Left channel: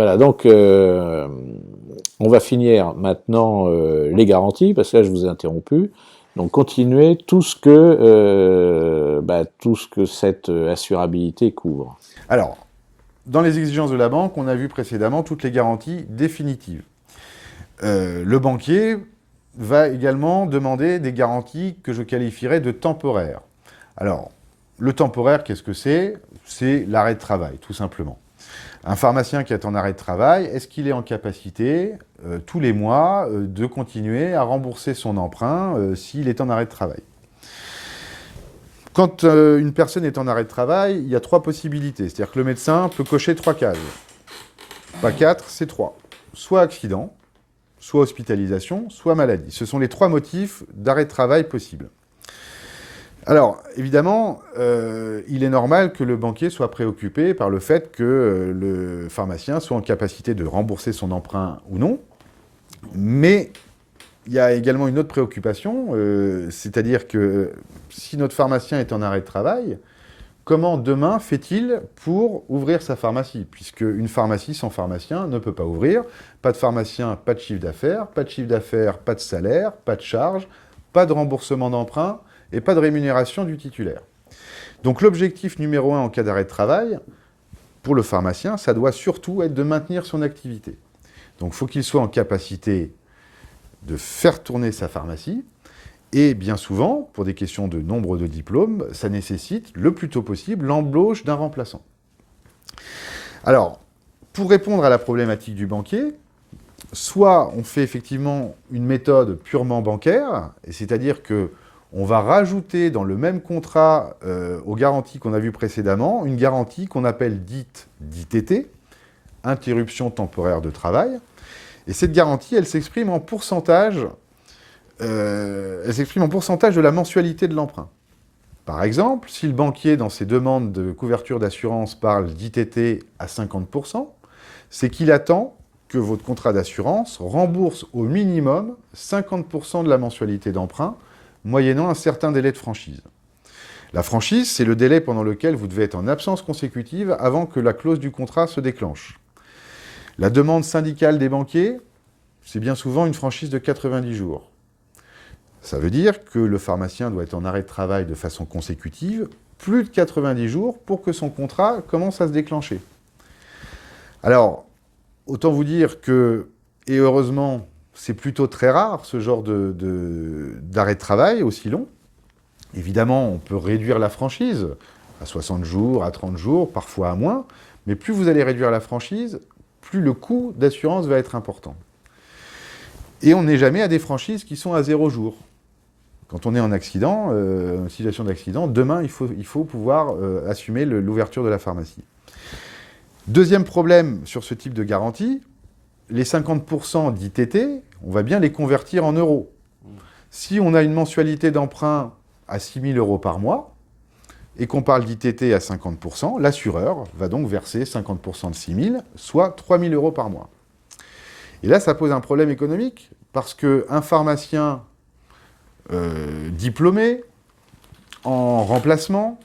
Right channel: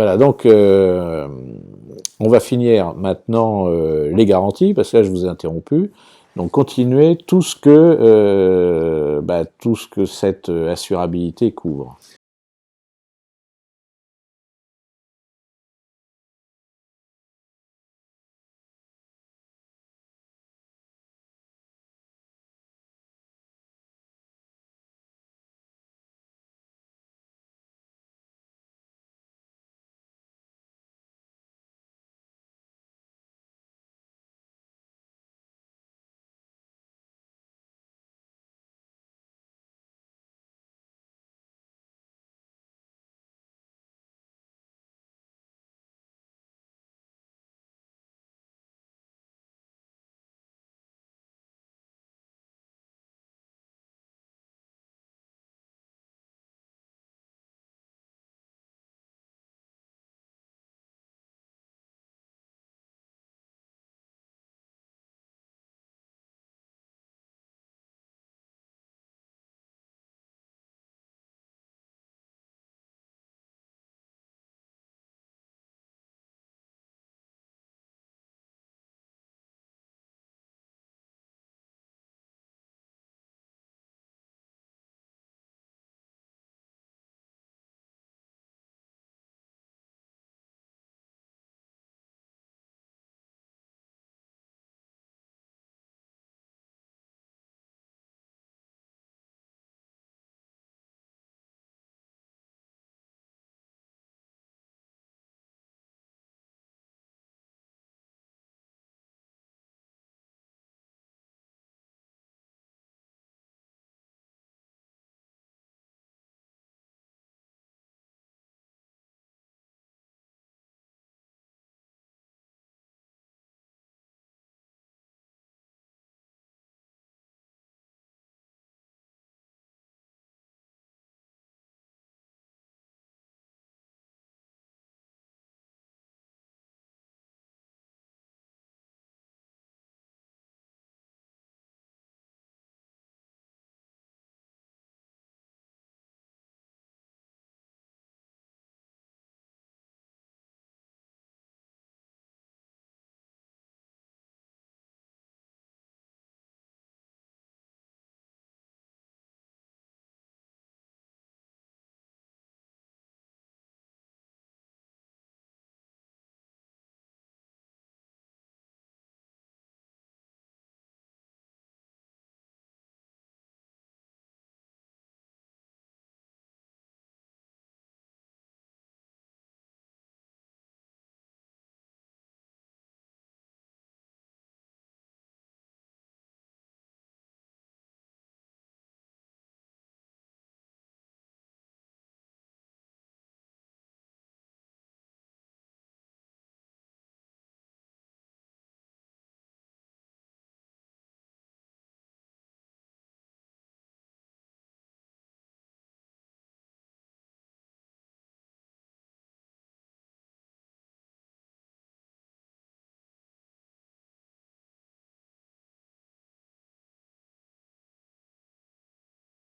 Voilà, donc on va finir maintenant les garanties, parce que là je vous ai interrompu. Donc continuez tout ce que cette assurabilité couvre. Alors, dans les exigences de la banque, on a vu précédemment toutes les garanties définitives. Le banquier va également demander des garanties que je qualifierais de temporaires. Alors, le temporaire, qu'est-ce que c'est? C'est l'arrêt de travail, tout simplement. Un pharmacien qui est en arrêt de travail, est-ce qu'il est en capacité, tous les mois, de continuer à rembourser son emprunt s'il est en arrêt de travail? Quand une personne est en arrêt de travail, il y a 3 possibilités. C'est-à-dire que le médecin peut cocher 3 cases. Pas 4, c'est 3. Soit accident, soit hospitalisation, soit maladie. Ce sont les 3 motifs d'arrêt de travail possibles. Alors, évidemment, il est normal que le banquier soit préoccupé par le fait que le pharmacien soit en capacité de rembourser son emprunt ou non. Mais il y a également une autre préoccupation, c'est-à-dire que si notre pharmacien est en arrêt de travail, comment demain fait-il pour ouvrir sa pharmacie? Puisque une pharmacie sans pharmacien ne peut pas ouvrir. Pas de pharmacien, pas de chiffre d'affaires. Pas de chiffre d'affaires, pas de salaire, pas de charge, pas de remboursement d'emprunt et pas de rémunération du titulaire. Donc l'objectif numéro 1 en cas d'arrêt de travail, pour le pharmacien, ça doit surtout être de maintenir son activité. Donc il faut qu'il soit en capacité de faire tourner sa pharmacie. Et bien souvent, pour des questions de nombre de diplômes, ça nécessite le plus tôt possible l'embauche d'un remplaçant. Alors, pour répondre à la problématique du banquier, soit on fait effectivement une méthode purement bancaire, c'est-à-dire qu'on va rajouter dans le même contrat aux garanties qu'on a vues précédemment, une garantie qu'on appelle dite d'ITT, interruption temporaire de travail. Et cette garantie, elle s'exprime en pourcentage de la mensualité de l'emprunt. Par exemple, si le banquier, dans ses demandes de couverture d'assurance, parle d'ITT à 50%, c'est qu'il attend que votre contrat d'assurance rembourse au minimum 50% de la mensualité d'emprunt, moyennant un certain délai de franchise. La franchise, c'est le délai pendant lequel vous devez être en absence consécutive avant que la clause du contrat se déclenche. La demande syndicale des banquiers, c'est bien souvent une franchise de 90 jours. Ça veut dire que le pharmacien doit être en arrêt de travail de façon consécutive, plus de 90 jours, pour que son contrat commence à se déclencher. Alors, autant vous dire que, et heureusement, c'est plutôt très rare ce genre d'arrêt de travail aussi long. Évidemment, on peut réduire la franchise à 60 jours, à 30 jours, parfois à moins, mais plus vous allez réduire la franchise, plus le coût d'assurance va être important. Et on n'est jamais à des franchises qui sont à 0 jour. Quand on est en accident, en situation d'accident, demain, il faut pouvoir assumer l'ouverture de la pharmacie. Deuxième problème sur ce type de garantie, les 50% d'ITT, on va bien les convertir en euros. Si on a une mensualité d'emprunt à 6 000 € par mois, et qu'on parle d'ITT à 50%, l'assureur va donc verser 50% de 6 000, soit 3 000 € par mois. Et là, ça pose un problème économique, parce qu'un pharmacien diplômé, en remplacement,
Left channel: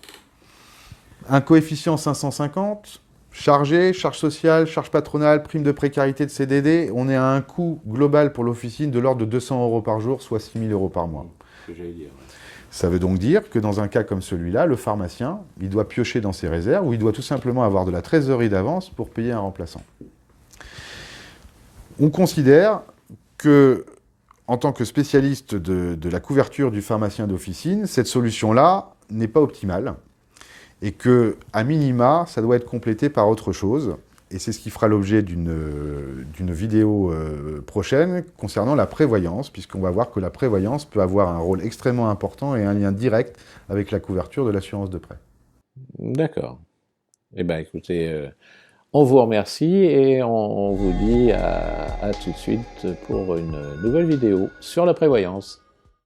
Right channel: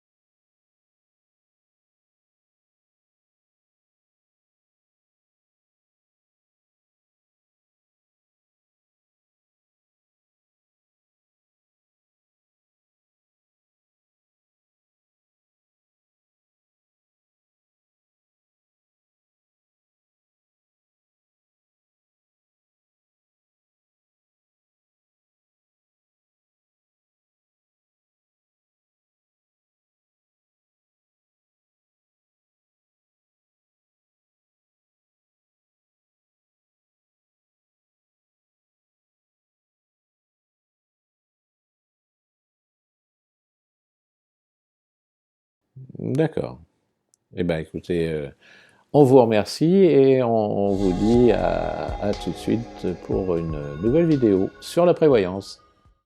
un coefficient 550, chargé, charge sociale, charge patronale, prime de précarité de CDD, on est à un coût global pour l'officine de l'ordre de 200 € par jour, soit 6 000 € par mois. Ce que j'allais dire. Ça veut donc dire que dans un cas comme celui-là, le pharmacien, il doit piocher dans ses réserves ou il doit tout simplement avoir de la trésorerie d'avance pour payer un remplaçant. On considère que, en tant que spécialiste de la couverture du pharmacien d'officine, cette solution-là n'est pas optimale et que, à minima, ça doit être complété par autre chose. Et c'est ce qui fera l'objet d'une vidéo prochaine concernant la prévoyance, puisqu'on va voir que la prévoyance peut avoir un rôle extrêmement important et un lien direct avec la couverture de l'assurance de prêt. D'accord. Eh bien, écoutez, on vous remercie et on vous dit à tout de suite pour une nouvelle vidéo sur la prévoyance.